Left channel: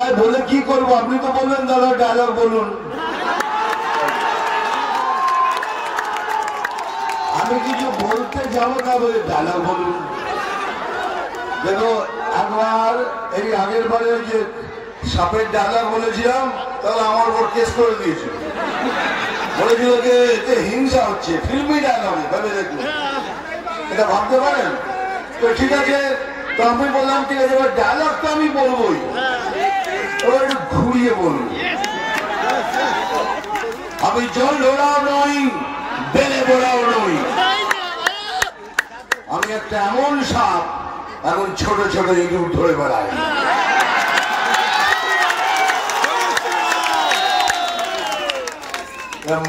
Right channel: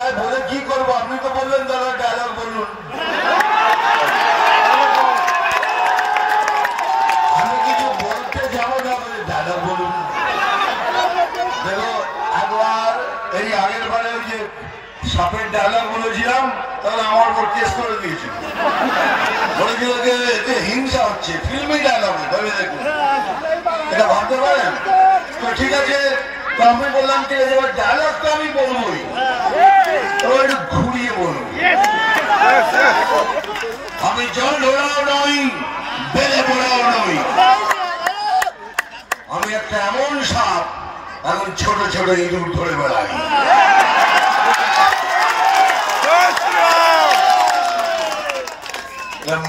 বলে কি করবো? আপনি তো বললেন দাদা ডায়লগ বলুন। আমি কিছু বলতে যাবো না, বলে ডায়লগ বলুন। দেখো একবার এই আগের বারে ওই যে সাপের ডায়লগ বলেছিলাম, তাহলে আমার উপর কেস করে দিয়েছিল, বলেছিল যে এতে হিংসা হচ্ছে, ফিল্মি ডায়লগ। তবে দেখুন এটা ভাবতে পারেন তো, ঠিক আছে। তো আমি বললাম ঠিক আছে, এবার ডায়লগ তো আমি বলবোই, এবার একটু ঘুরিয়ে বলুন। আমি জল ধরাও নই, বেলে বড়াও নই, আমি একটা এমন সাপ এখন ছোট ছোট ইঁদুর ধরে বেড়াই।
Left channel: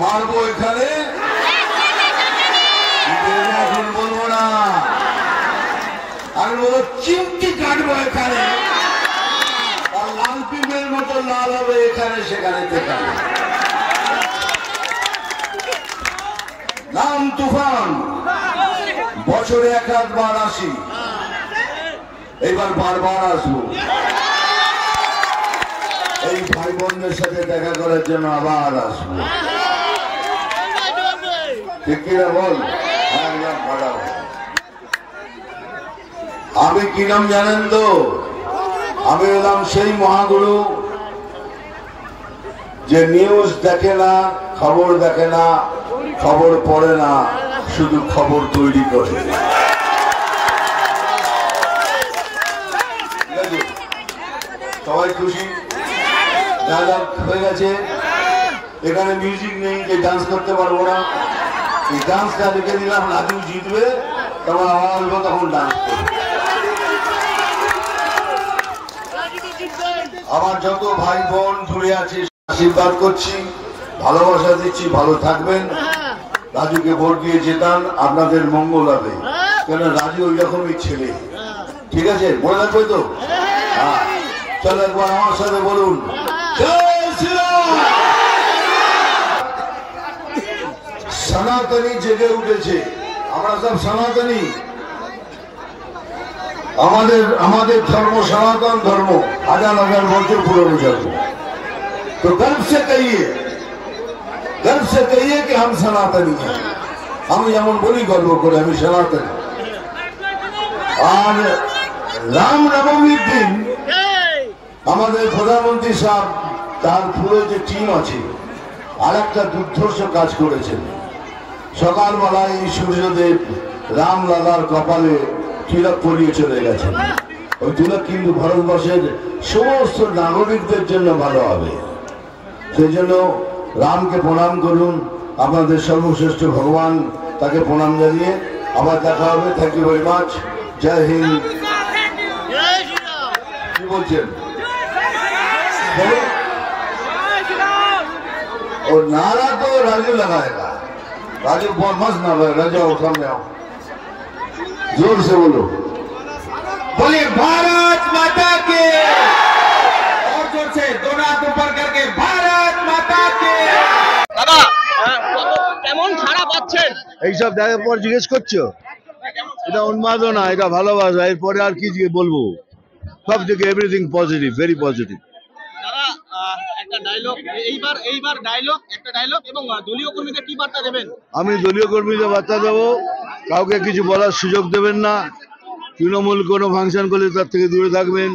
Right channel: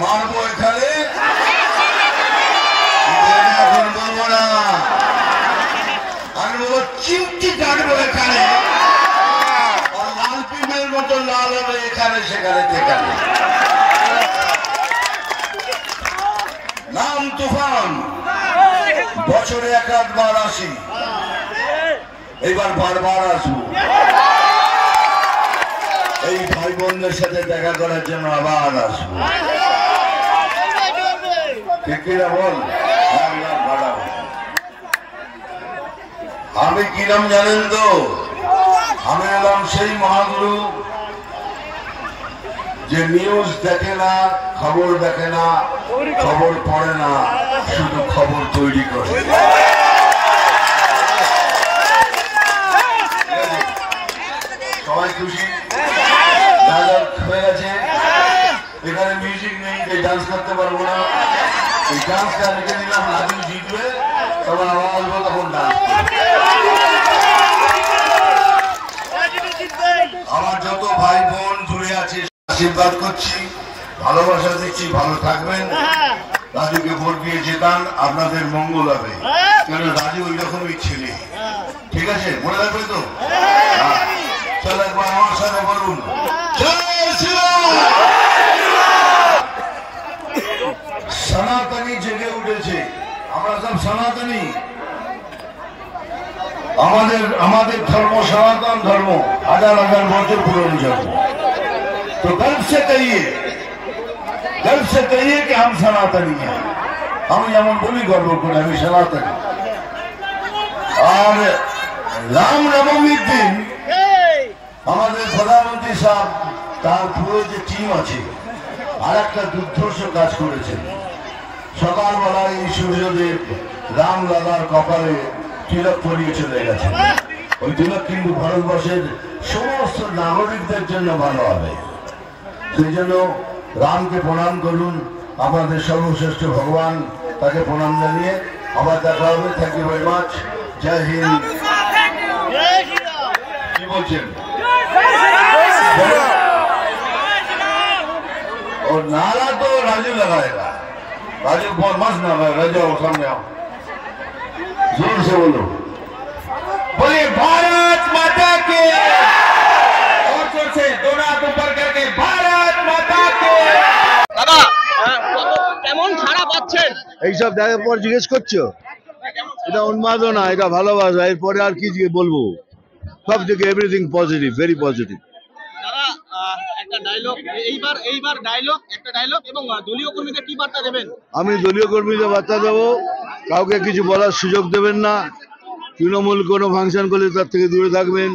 মারবো এখানে, এখন বলবো না, আমি বলবো চিমটি কাটবো এখানে, আর লাল পিমের মতো লাল হবে এখানে সেখানে দেখাবে। নাম তুফান, বছরে এক রাতবার আসি, এইবার বারবার আসবো এই ভাই বোনদের সাথে দেখা করার জন্য, আবার আসবো। ঠিক কিনা বল? আমি কি নাম জানেন তো? আমি এলাম সেই মহাগুরু যে নিউজ দেখে না, খবর দেখে না, খবর পড়ে না, শুধু খবর তৈরি করে। সবাই খুশি? ডায়লগ হয়ে গেছে। এখানে মিউজিক নেই, তাই ডান্স করতে পারবো না। এই ডান্সটা রেখে দিলাম, রাজু জিতবে, তখন আমার আসবো, তখন ডান্স করবে। আমার যত ভাই বোন দূরে আছে আশীর্বাদ করছি, ভালোবাসা দিচ্ছি, ভালো থাকবেন। রাজুকে ভোট দিয়ে জেতান, আপনাদের মঙ্গল হবে, কেন রাজু ওই রকমই ছেলে। ঠিক আছে, মনে রাখবে তো? চল একবার আমার সাথে বলুন, সনাতনী জেগে উঠেছে। আমরা সব সনাতনী, আমাদের ধর্ম সনাতন ধর্ম, হাজার হাজার বছর পুরনো ধর্ম। তো गर्व से कहिए कि हम सनातनी हैं। আমি যেমন বলি গর্ব করে আমি সনাতনী। আর রামনবমীর দিন আমাদের প্রধানমন্ত্রী সাহেব তার পুরো যে টিম আছে আর একটা দুর্ধর্ষ কাজ করেছেন। সকালবেলায় এই সূর্যদেব রামলালার কপালে তিলক পরিয়ে চলে গেছেন। ওই তিলক কিন্তু ভারতবর্ষের সমস্ত নাগরিকদের জন্য ভালো হবে। সেই জন্য রামকে প্রণাম করুন, আপনাদের সর্বশ্রেষ্ঠ ভগবান, তাকে প্রণাম জানিয়ে আবার দেখা হবে। Thank you very much. জয় হিন্দ। কি বলছেন? और नारा तो राजू लगाएगा। राजू बहुत मस्त नाम है, राजू सामने आओ, जोर से बोलो, बोले भारत माता की, और जोर से दोनों हाथ ऊपर करके भारत माता की। দাদা কেমন সাড়া পাচ্ছেন? এইসব দেখার পর জিজ্ঞেস করছো? এটা উন্মাদনা, এটা ভালোবাসা, এরপরে আর কি বলবো? সব দিকে এভরিথিং পজিটিভ, ভেরি পজিটিভ। দাদা একটা ডায়লগ, এইবার একটা ডায়লগ এবং দলীয় কর্মীদের কি বার্তা দেবেন? আমি দলীয় কর্মীদের বার্তা দেবো, কাউকে কিছু বলার সুযোগ দেবেন না। তৃণমূল কোনো ফাংশন করলে তার থেকে দূরে থাকবেন,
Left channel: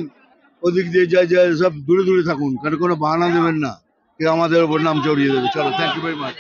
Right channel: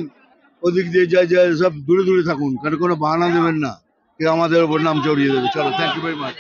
ওদিক দিয়ে যায় সব দূরে দূরে থাকুন, কারণ কোনো বাহানা দেবেন না, কেউ আমাদের ওপর নাম চড়িয়ে দেবে। চলো, থ্যাংক ইউ ভেরি মাচ।